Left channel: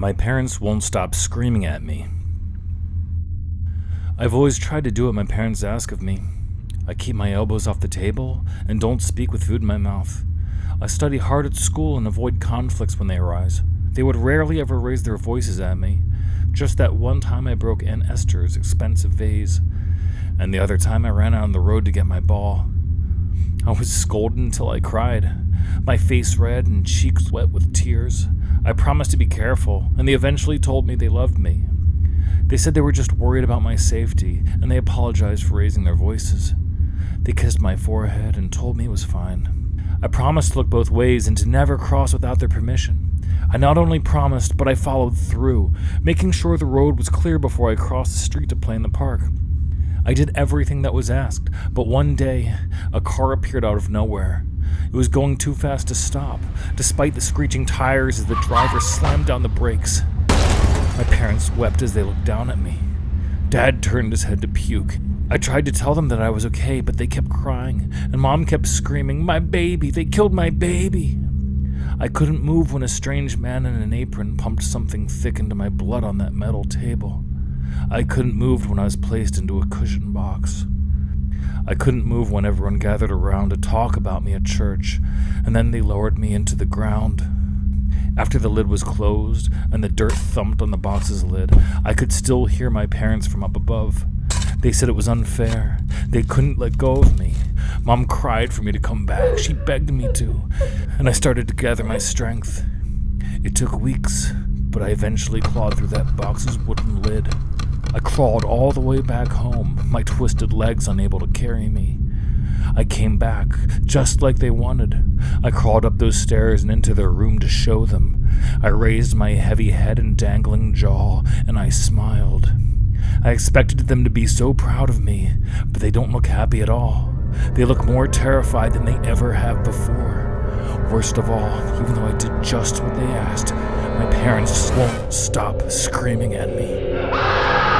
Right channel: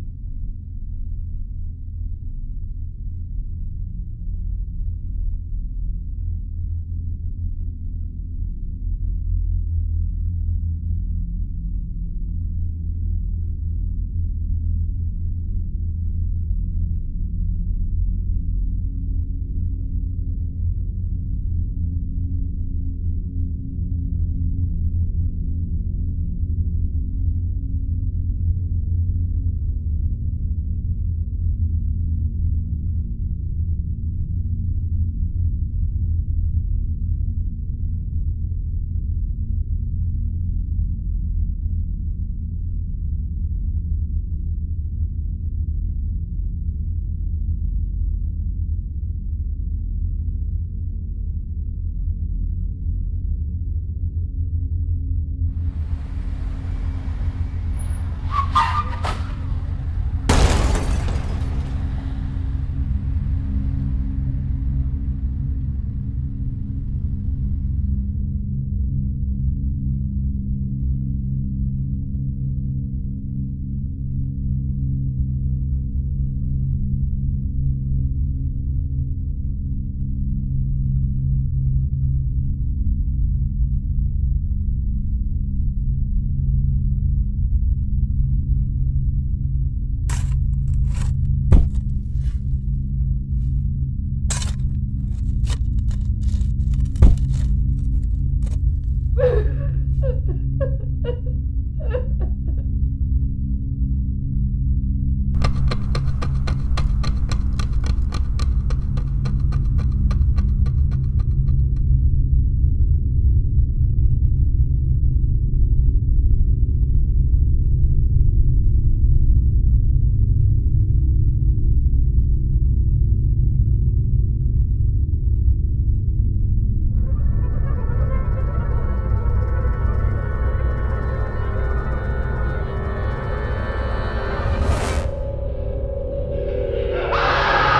My parents won't stop screaming at me. I've always tried to do what my parents ask of me. I keep my elbows off the table and don't speak with food in my mouth. I study hard at school and avoid conflicts when they arise. They would rarely ever raise their voices at me. Just that one time I broke Aunt Esther's expensive vase, and the other time I ran out on the road to get my ball. I was scolded until I cried, my face red and cheeks wet with tears. I promised to be careful, and they eventually told me they loved me. They said they were just worried about my safety, and they apologized for raising their voices. They kissed my forehead and told me it was fine. I promised to look both ways and to never cross without their permission. I not only promised, but I followed through, making sure the road was clear before I crossed the street to play in the park. I did everything that was asked, but one day, a car appeared out of nowhere. It was going too fast to stop, despite the screeching tires as the driver slammed down the brakes. My parents wept as they looked down at me. Dad turned his head to puke. I tried to tell them that I was okay, but they kept crying, and Mom kept screaming, "My baby! They killed my baby!" I couldn't move when a strange man in an apron pumped something thick into my blood on that metal table. I couldn't move when I was placed into a cushion box. I couldn't move when everyone gathered around to talk about me at church, and then they lowered me into the ground. After the lid was closed and the dirt thumped on the box's lid, I could still hear my parents from up above. They said it was unfair. They couldn't let go of me. Mom cried for me to come back. She begged me to, and I started to gather my strength. It took weeks, but I eventually clawed through that box's wooden lid. I crawled all the way back home, my twisted legs unable to carry me. I came back, just like they wanted. I crawled up those stairs and into their room to show them. I raised my heavy head and dangling jaw, and I smiled. I expected them to be so proud of me, but they don't look happy at all. They look more terrified than they ever have before. Worst of all, even though I did just what they asked, my parents just won't stop screaming at me.